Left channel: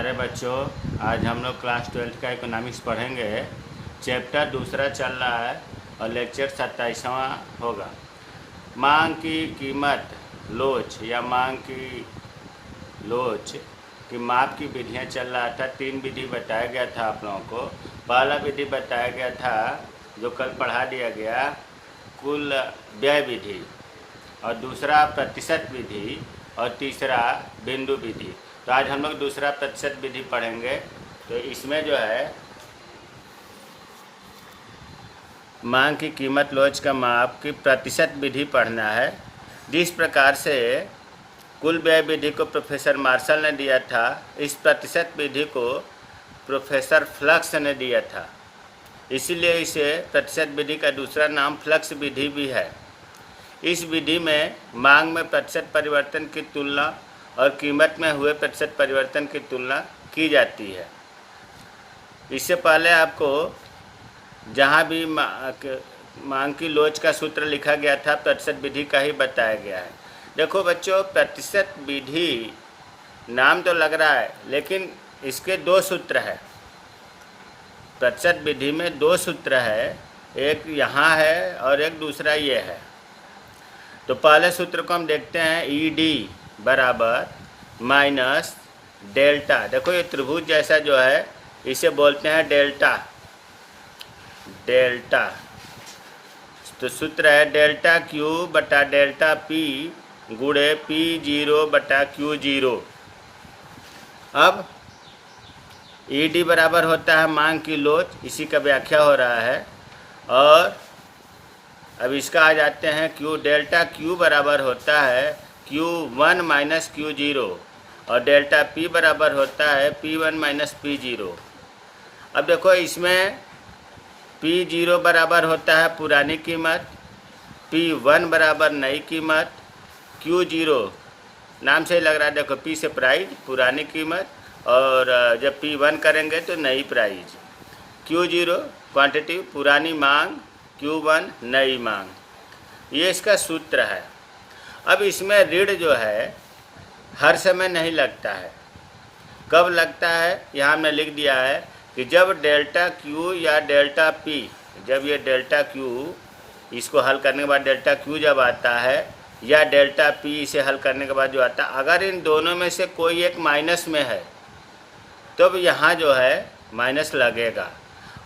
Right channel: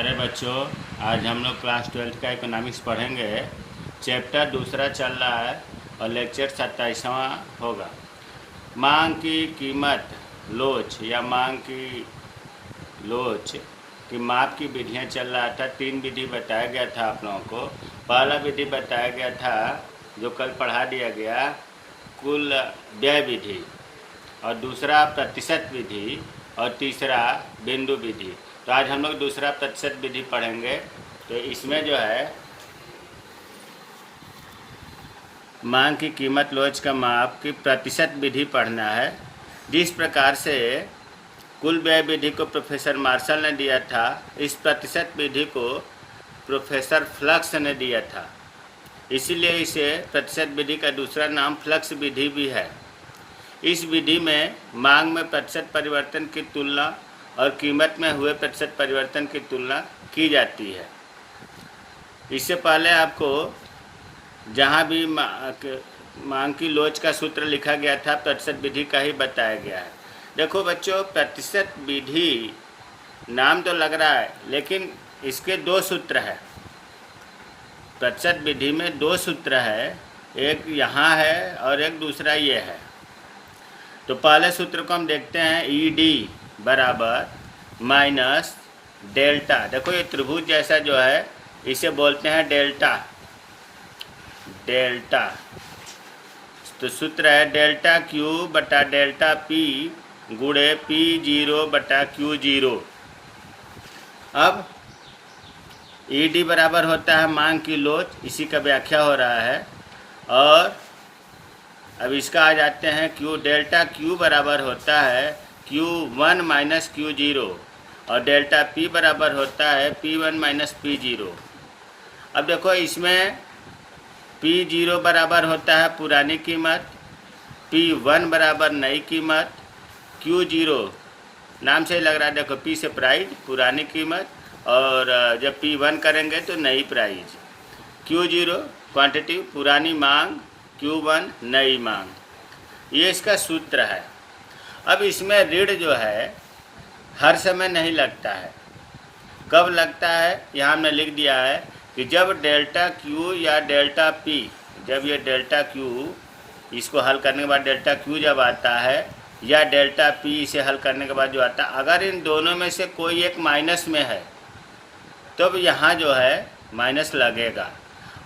अरे बच्चों, आज हम लोग क्लास 12 का इकोनॉमिक्स पढ़ेंगे। चैप्टर दूसरा चल रहा है और लेक्चर 27वां होगा। मांग की कीमत लोच या मांग की लोच की माप की विधियाँ चल रहा था। 3 विधि बताया गया था आप लोगों को। पहला विधि बताया गया था जो कल पढ़ा दिया गया, कुल व्यय विधि, और दूसरा प्रतिशत विधि, और तीसरा बिंदु विधि। तो आज हम लोग दूसरा प्रतिशत विधि पढ़ेंगे। तो इसमें जो है मांग की कीमत लोच का माप की प्रतिशत विधि पढ़ना है। जिस प्रकार से कुल व्यय विधि को प्रोफेसर मार्शल ने दिया था, इस प्रतिशत विधि को प्रोफेसर फ्लक्स ने दिया था। इसीलिए इसे प्रतिशत विधि का दूसरा नाम फ्लक्स विधि भी है। इस विधि में मांग में प्रतिशत परिवर्तन की तुलना और कीमत में हुए प्रतिशत परिवर्तन की तुलना की जाती है। इससे पहले आपको जहाँ भी मांग की लोच का सूत्र लिखा गया था, प्रतिशत विधि का ही बताया गया है। देखो बच्चों, प्रतिशत विधि नाम तो लग रहा है, लेकिन इसके 2 सूत्र है। प्रतिशत विधि में 2 सूत्र है, एक यहाँ है और एक दूसरा ये है। तो पहले सूत्र को हम देखते हैं, ईडी बराबर माइनस डेल्टा। देखो ये त्रिभुज जैसा जो है इसे बोलते हैं डेल्टा। डेल्टा तो सूत्र है डेल्टा क्यू बटा डेल्टा पी गुणे P0 बटा Q0। अब ईडी बराबर होता है मांग की लोच, इसी का व्याख्या हो रहा है। और अब इसका आ जाते हैं क्यू, डेल्टा क्यू बराबर होता है Q1 माइनस Q0, और डेल्टा पी बराबर होता है P1 माइनस P0। अब देखो इसमें P0 बराबर होता है पुरानी कीमत, P1 बराबर नई कीमत, Q0 नाम से लग रहा है, देखो P से प्राइस पुरानी कीमत, और जब P1 करेंगे तो नई प्राइस। Q0 क्वांटिटी पुरानी मांग, Q1 नई मांग। ये इसका सूत्र है। अब इसमें ऋण जो है हर समय नहीं लगता है। कब लगता है यहाँ हमने लिख दिया है कि जब डेल्टा क्यू या डेल्टा पी, जब ये डेल्टा क्यू इसको हल करने के बाद डेल्टा क्यू जब आता है, या डेल्टा पी इसे हल करने के बाद जो आता है, अगर इन दोनों में से कोई एक माइनस में है तब यहाँ जो है माइनस लगेगा।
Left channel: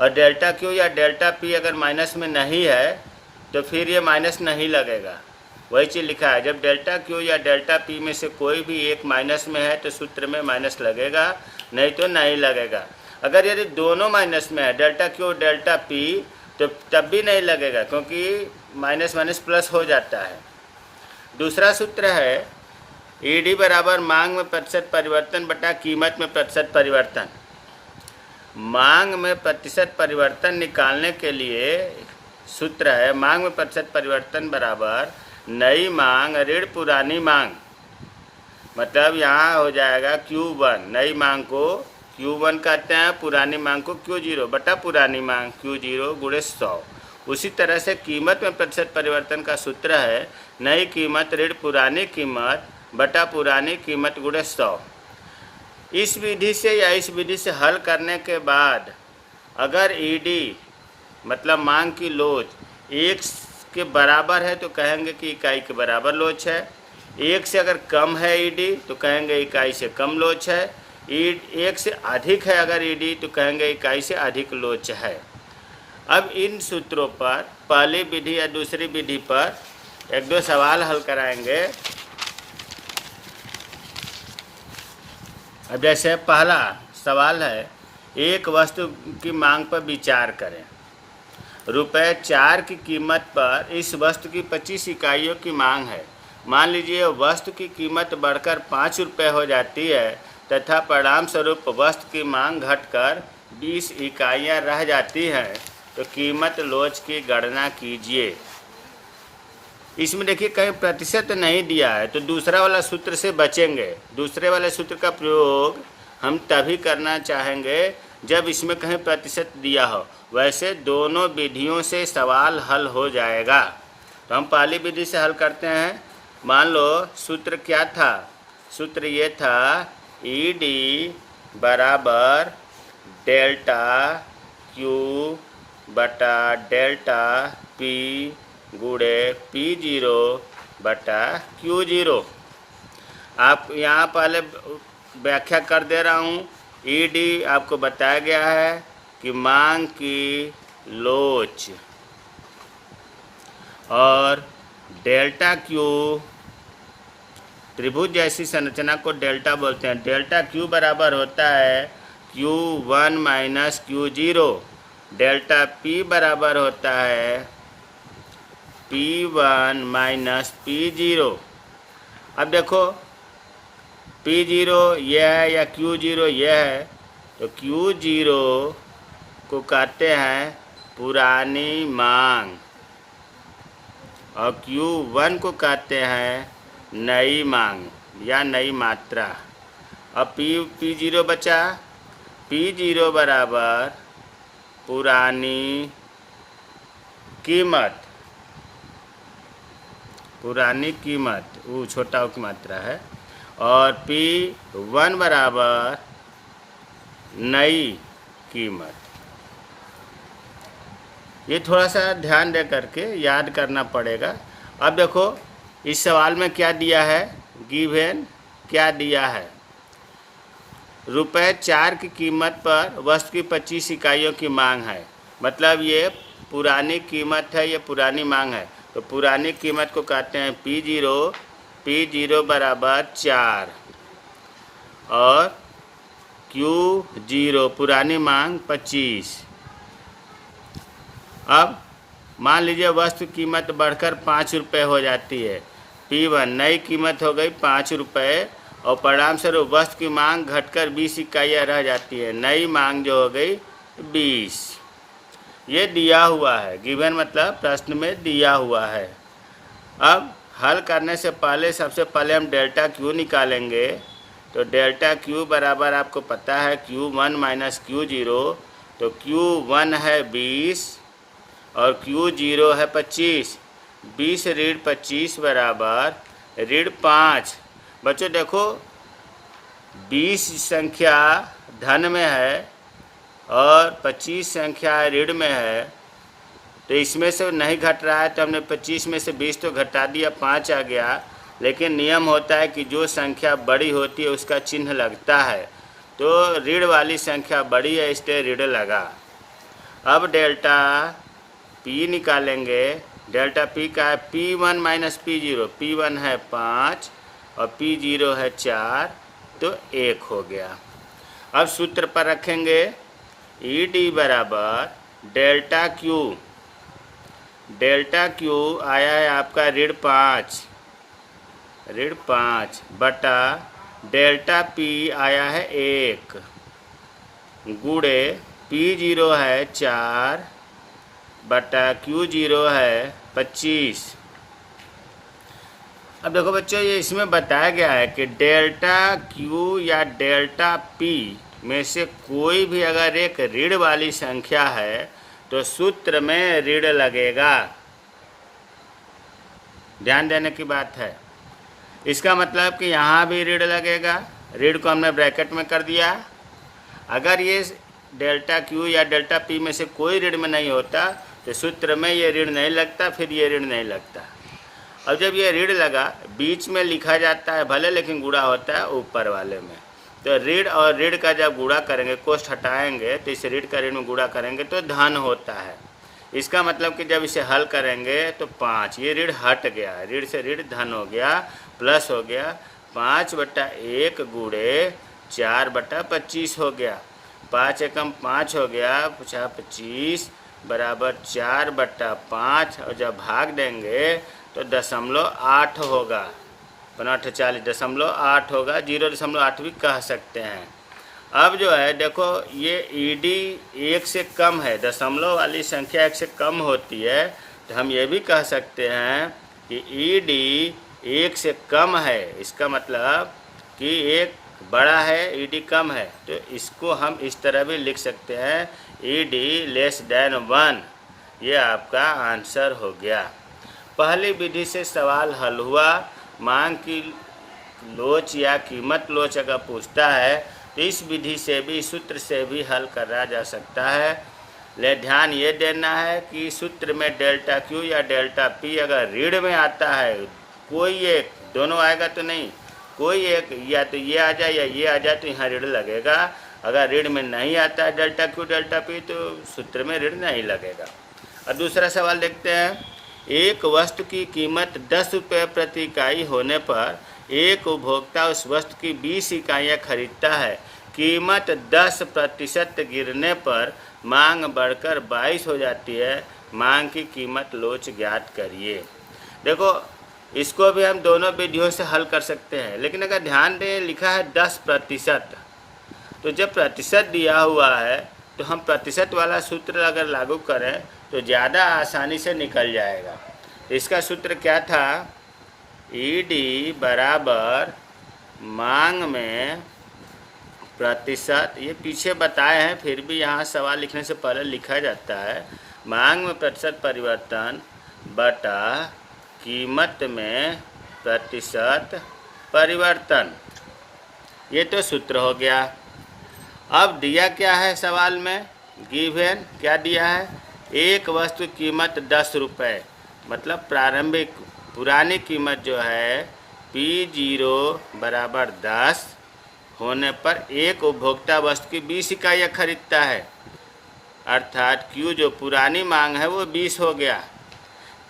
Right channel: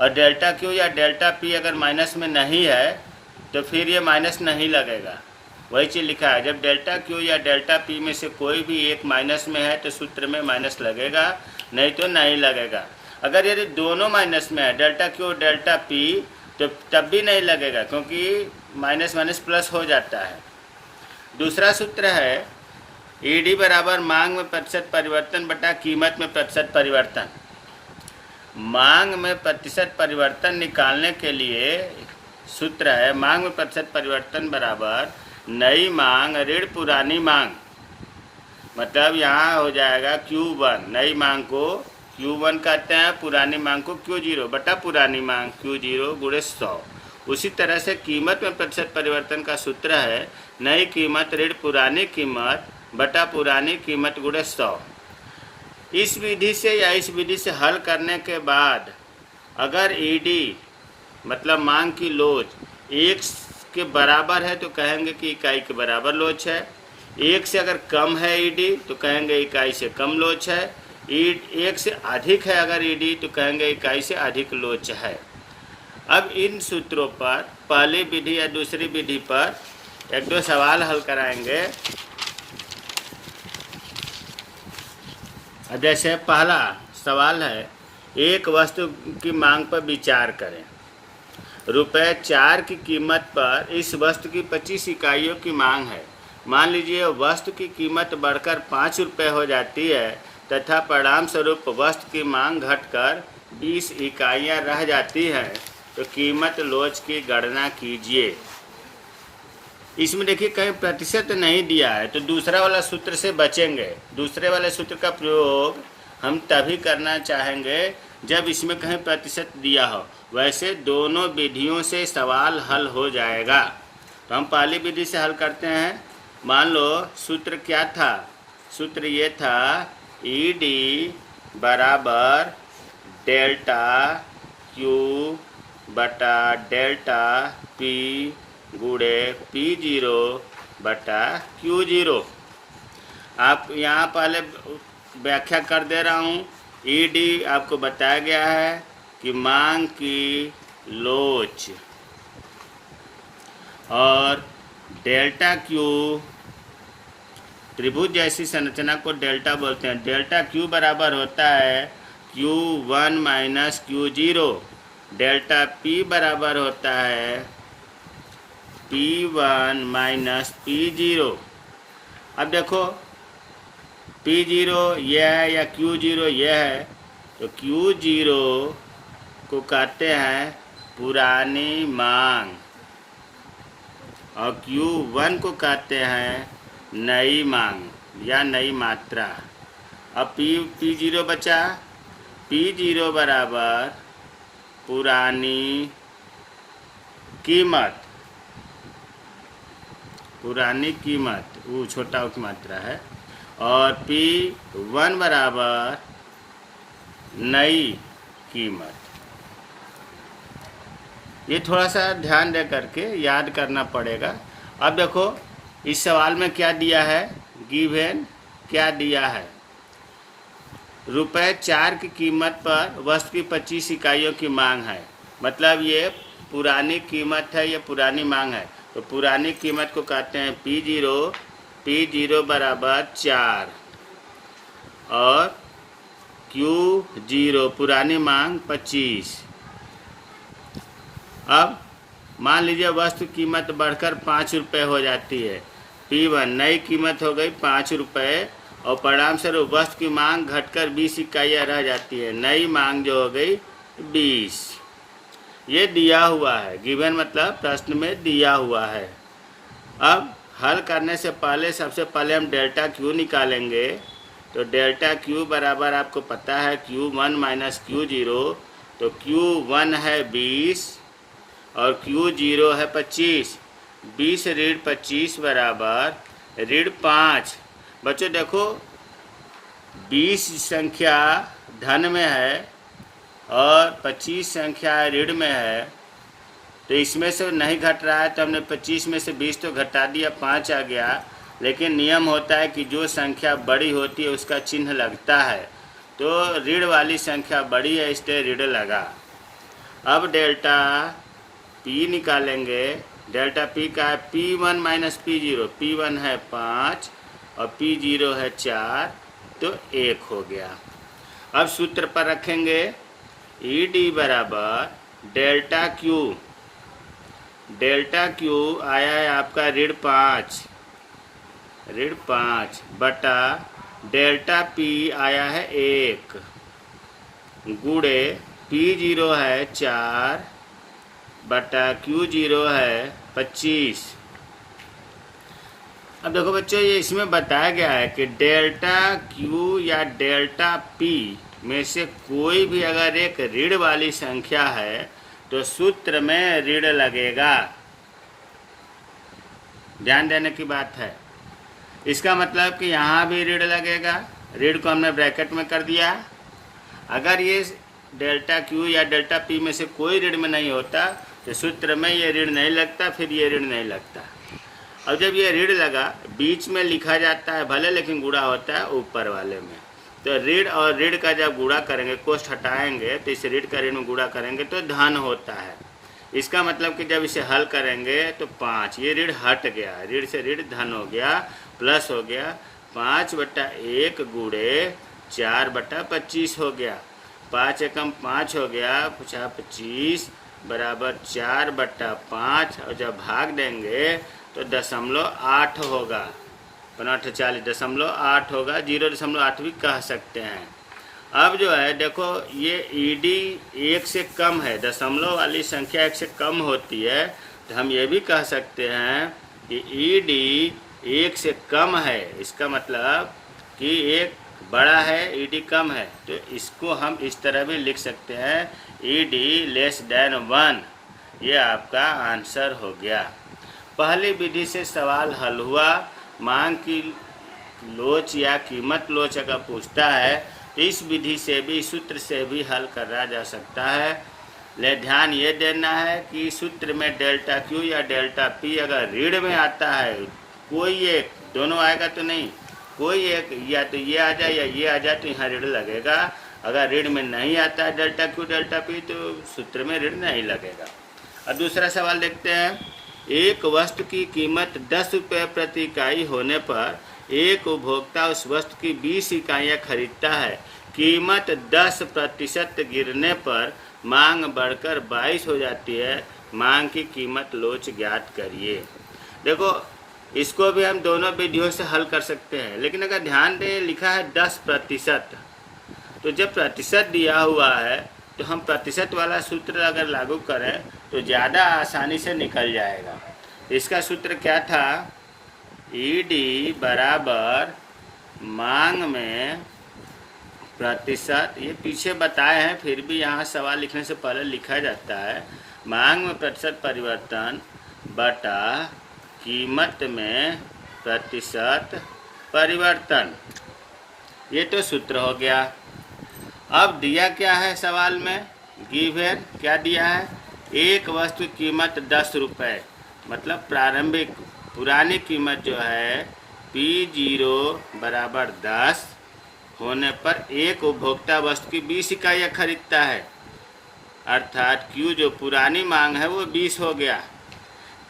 और डेल्टा क्यू या डेल्टा पी अगर माइनस में नहीं है तो फिर ये माइनस नहीं लगेगा। वही चीज़ लिखा है, जब डेल्टा क्यू या डेल्टा पी में से कोई भी एक माइनस में है तो सूत्र में माइनस लगेगा, नहीं तो नहीं लगेगा। अगर यदि दोनों माइनस में है, डेल्टा क्यू डेल्टा पी, तो तब भी नहीं लगेगा, क्योंकि माइनस माइनस प्लस हो जाता है। दूसरा सूत्र है ईडी बराबर मांग में प्रतिशत परिवर्तन बटा कीमत में प्रतिशत परिवर्तन। मांग में प्रतिशत परिवर्तन निकालने के लिए सूत्र है मांग में प्रतिशत परिवर्तन बराबर नई मांग ऋण पुरानी मांग। मतलब यहाँ हो जाएगा Q1, नई मांग को Q1 कहते हैं, पुरानी मांग को Q0 बटा पुरानी मांग Q0 गुणे 100। उसी तरह से कीमत में प्रतिशत परिवर्तन का सूत्र है नई कीमत ऋण पुरानी कीमत बटा पुरानी कीमत गुणे 100। इस विधि से या इस विधि से हल करने के बाद अगर ईडी मतलब मांग की लोच 1 के बराबर है तो कहेंगे कि इकाई के बराबर लोच है। 1 से अगर कम है ईडी तो कहेंगे इकाई से कम लोच है। 1 से अधिक है अगर ईडी तो कहेंगे इकाई से अधिक लोच है। अब इन सूत्रों पर पहली विधि या दूसरी विधि पर 1-2 सवाल हल कराएंगे। अब जैसे पहला सवाल है, एक वस्तु की मांग पर विचार करें। ₹4 की कीमत पर इस वस्तु की 25 इकाइयों की मांग है। मान लीजिए वस्तु की कीमत बढ़कर ₹5 हो जाती है तथा परिणाम स्वरूप वस्तु की मांग घटकर 20 इकाइयाँ रह जाती हैं, तो कीमत लोच की गणना कीजिए। इसमें देखिए कहीं प्रतिशत नहीं दिया है, तो दूसरा वाला सूत्र से बचेंगे। दूसरे वाले सूत्र का प्रयोग हम तभी करना चाहेंगे जब इसमें कहीं प्रतिशत दिया हो। वैसे दोनों विधियों से सवाल हल हो जाएगा। तो हम पहली विधि से हल करते हैं। मान लो सूत्र क्या था, सूत्र ये था ईडी बराबर डेल्टा क्यू बटा डेल्टा पी गुणे P0 बटा Q0। आप यहाँ पहले व्याख्या कर दे रहा हूँ। ईडी आपको बताया गया है कि मांग की लोच, और डेल्टा क्यू त्रिभुज जैसी संरचना को डेल्टा बोलते हैं। डेल्टा क्यू बराबर होता है Q1 minus Q0। Delta P बराबर होता है P1 माइनस P0। अब देखो P0 यह है या Q0 यह है, तो Q0 को कहते हैं पुरानी मांग और Q1 को कहते हैं नई मांग या नई मात्रा। अब P0 बचा, P0 बराबर पुरानी कीमत, पुरानी कीमत वो छोटा की मात्रा है, और P1 बराबर नई कीमत। ये थोड़ा सा ध्यान दे करके याद करना पड़ेगा। अब देखो इस सवाल में क्या दिया है, गिवन क्या दिया है, ₹4 की कीमत पर वस्तु की 25 इकाइयों की मांग है। मतलब ये पुरानी कीमत है, ये पुरानी मांग है, तो पुरानी कीमत को कहते हैं P0 बराबर 4 और Q0 पुरानी मांग 25। अब मान लीजिए वस्तु कीमत बढ़कर ₹5 हो जाती है। P1 नई कीमत हो गई ₹5 और परिणाम स्वरूप वस्तु की मांग घटकर 20 इकाइयाँ रह जाती है। नई मांग जो हो गई 20। ये दिया हुआ है, गिवन मतलब प्रश्न में दिया हुआ है। अब हल करने से पहले सबसे पहले हम डेल्टा क्यू निकालेंगे। तो डेल्टा क्यू बराबर आपको पता है Q1 माइनस Q0। तो Q1 है 20 और Q0 है 25। 20 ऋण 25 बराबर ऋण 5। बच्चों देखो 20 संख्या धन में है और 25 संख्या ऋण में है, तो इसमें से नहीं घट रहा है, तो हमने 25 में से 20 तो घटा दिया, 5 आ गया। लेकिन नियम होता है कि जो संख्या बड़ी होती है उसका चिन्ह लगता है, तो ऋण वाली संख्या बड़ी है इसलिए ऋण लगा। अब डेल्टा P निकालेंगे। डेल्टा P का है P1 माइनस P0। P1 है 5 और P0 है 4, तो 1 हो गया। अब सूत्र पर रखेंगे ED बराबर डेल्टा Q। डेल्टा Q आया है आपका ऋण 5 बटा डेल्टा P आया है 1 गुणे P0 है 4 बटा Q0 है 25। अब देखो बच्चों ये इसमें बताया गया है कि डेल्टा Q या डेल्टा P में से कोई भी अगर एक ऋण वाली संख्या है तो सूत्र में ऋण लगेगा। ध्यान देने की बात है। इसका मतलब कि यहाँ भी ऋण लगेगा। ऋण को हमने ब्रैकेट में कर दिया। अगर ये डेल्टा Q या डेल्टा P में से कोई ऋण में नहीं होता तो सूत्र में ये ऋण नहीं लगता, फिर ये ऋण नहीं लगता। अब जब ये ऋण लगा, बीच में लिखा जाता है भले, लेकिन गुणा होता है ऊपर वाले में। तो ऋण और ऋण का जब गुणा करेंगे, कोष्ठ हटाएंगे, तो इस ऋण का ऋण में गुणा करेंगे तो धन होता है। इसका मतलब कि जब इसे हल करेंगे तो 5, ये ऋण हट गया, ऋण से ऋण धन हो गया, प्लस हो गया 5/1 गुणे 4/25 हो गया। 5 एकम 5 हो गया, पूछा 25 बराबर 4/5, और जब भाग देंगे तो 0.8 होगा। 40.8 होगा, 0.8 भी कह सकते हैं। अब जो है देखो ये ED 1 से कम है, दशमलव वाली संख्या 1 से कम होती है, तो हम ये भी कह सकते हैं कि ED 1 से कम है। इसका मतलब कि एक बड़ा है, ED कम है, तो इसको हम इस तरह भी लिख सकते हैं ED <1। ये आपका आंसर हो गया। पहली विधि से सवाल हल हुआ। मांग की लोच या कीमत लोच अगर पूछता है इस विधि से भी, सूत्र से भी हल करा जा सकता है। ले ध्यान ये देना है कि सूत्र में डेल्टा क्यू या डेल्टा पी अगर ऋण में आता है, कोई एक, दोनों आएगा तो नहीं, कोई एक, या तो ये आ जाए या ये आ जाए तो यहाँ ऋण लगेगा। अगर ऋण में नहीं आता है डेल्टा क्यू डेल्टा पी तो सूत्र में ऋण नहीं लगेगा। अब दूसरा सवाल देखते हैं। एक वस्तु की कीमत 10 रुपये प्रति इकाई होने पर एक उपभोक्ता उस वस्तु की 20 इकाइयाँ खरीदता है। कीमत 10% गिरने पर मांग बढ़कर 22 हो जाती है। मांग की कीमत लोच ज्ञात करिए। देखो, इसको भी हम दोनों विधियों से हल कर सकते हैं, लेकिन अगर ध्यान दें लिखा है 10%, तो जब प्रतिशत दिया हुआ है तो हम प्रतिशत वाला सूत्र अगर लागू करें तो ज़्यादा आसानी से निकल जाएगा। इसका सूत्र क्या था? ईडी बराबर मांग में प्रतिशत, ये पीछे बताए हैं फिर भी यहाँ सवाल लिखने से पहले लिखा जाता है, मांग में प्रतिशत परिवर्तन बटा कीमत में प्रतिशत परिवर्तन। ये तो सूत्र हो गया। अब दिया क्या है सवाल में? गिवन क्या दिया है? एक वस्तु कीमत 10 रुपये, मतलब प्रारंभिक पुरानी कीमत जो है P0 बराबर 10 होने पर एक उपभोक्ता वस्तु की 20 इकाइयाँ खरीदता है, अर्थात Q जो पुरानी मांग है वो 20 हो गया।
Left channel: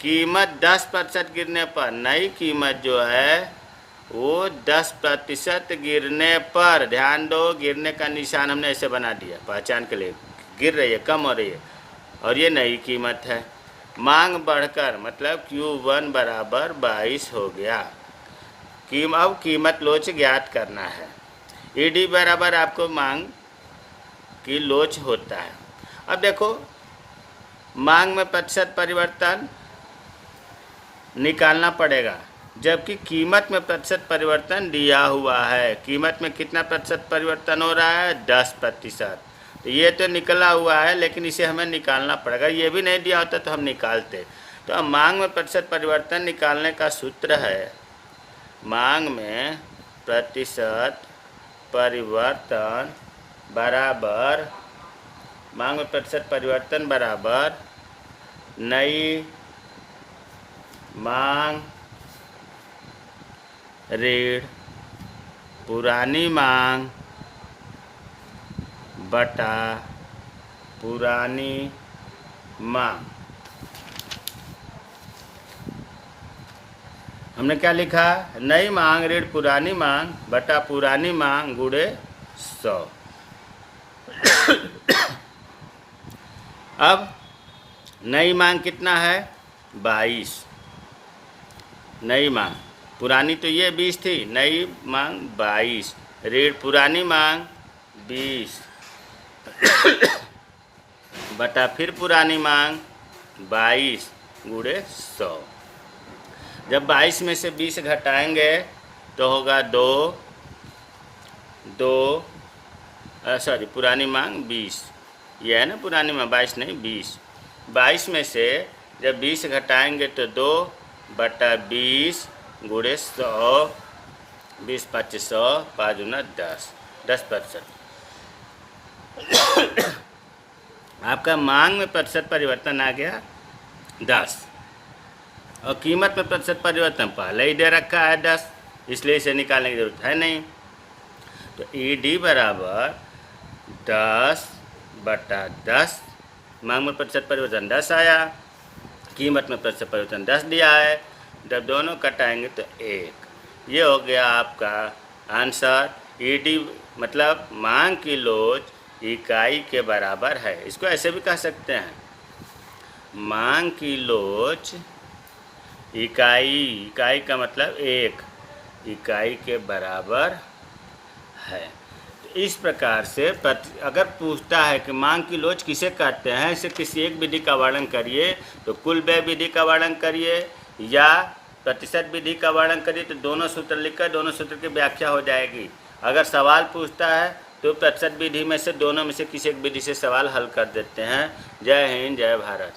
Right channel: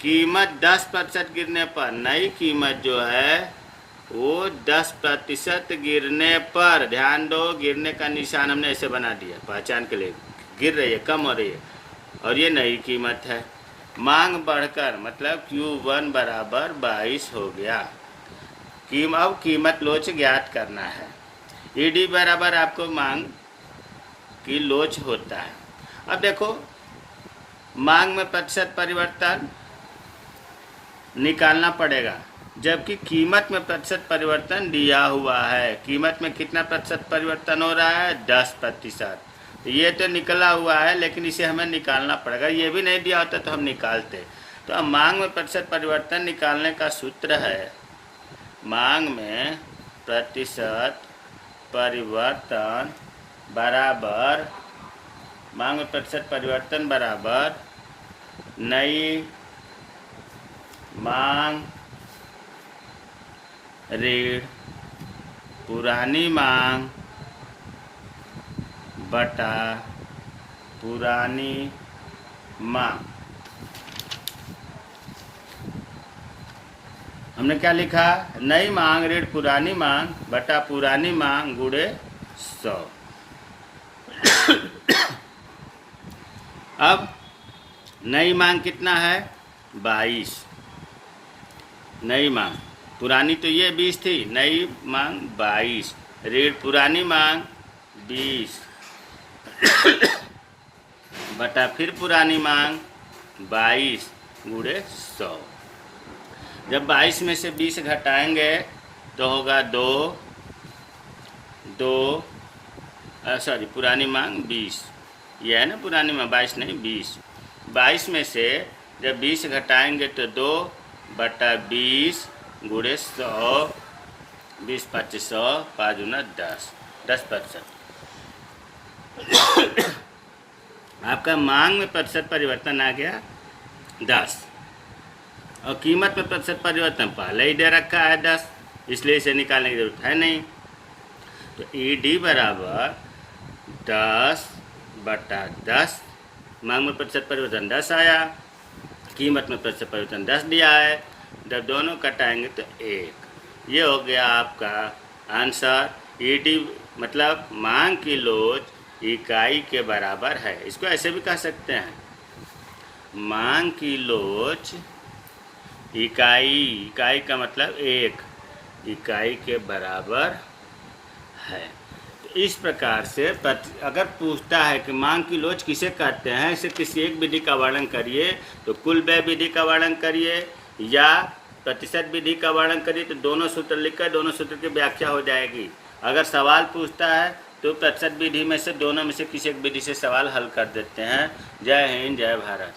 कीमत 10% गिरने पर नई कीमत जो है वो 10% गिरने पर, ध्यान दो गिरने का निशान हमने ऐसे बना दिया पहचान के लिए, गिर रही है, कम हो रही है, और ये नई कीमत है। मांग बढ़कर मतलब Q1 बराबर 22 हो गया। अब कीमत लोच ज्ञात करना है। ईडी बराबर आपको मांग की लोच होता है। अब देखो, मांग में प्रतिशत परिवर्तन निकालना पड़ेगा, जबकि कीमत में प्रतिशत परिवर्तन दिया हुआ है। कीमत में कितना प्रतिशत परिवर्तन हो रहा है? 10%। तो ये तो निकला हुआ है, लेकिन इसे हमें निकालना पड़ेगा। ये भी नहीं दिया होता तो हम निकालते। तो अब मांग में प्रतिशत परिवर्तन निकालने का सूत्र है, मांग में प्रतिशत परिवर्तन बराबर, मांग में प्रतिशत परिवर्तन बराबर नई मांग ऋण पुरानी मांग बटा पुरानी मांग। हमने क्या लिखा? नई मांग ऋण पुरानी मांग बटा पुरानी मांग गुणे 100। अब नई मांग कितना है? 22। नई मांग, पुरानी तो ये 20 थी, नई मांग 22, ऋण पुरानी मांग 20 बटा फिर पुरानी मांग 22 गुणे 100। जब 22 में से 20 घटाएंगे तो होगा 2, सॉरी पुरानी मांग 20, यह है ना पुरानी मांग, 22 नहीं 20। 22 में से जब 20 घटाएंगे तो 2 बटा 20 गुणे 100, 20 × 100, 5 × 10, 10%। आपका मांग में प्रतिशत परिवर्तन आ गया 10, और कीमत में प्रतिशत परिवर्तन पहले ही दे रखा है 10, इसलिए इसे निकालने की जरूरत है नहीं। तो ईडी बराबर 10 बटा 10, मांग में प्रतिशत परिवर्तन 10 आया, कीमत में प्रतिशत परिवर्तन 10 दिया है, जब दोनों कटाएंगे तो 1। ये हो गया आपका आंसर। ईडी मतलब मांग की लोच इकाई के बराबर है। इसको ऐसे भी कह सकते हैं, मांग की लोच इकाई का मतलब 1 इकाई के बराबर है। तो इस प्रकार से अगर पूछता है कि मांग की लोच किसे कहते हैं, इसे किसी एक विधि का वर्णन करिए, तो कुल व्यय विधि का वर्णन करिए या प्रतिशत विधि का वर्णन करिए, तो दोनों सूत्र लिखकर दोनों सूत्र की व्याख्या हो जाएगी। अगर सवाल पूछता है तो प्रतिशत विधि में से दोनों में से किसी एक विधि से सवाल हल कर देते हैं। जय हिंद, जय भारत।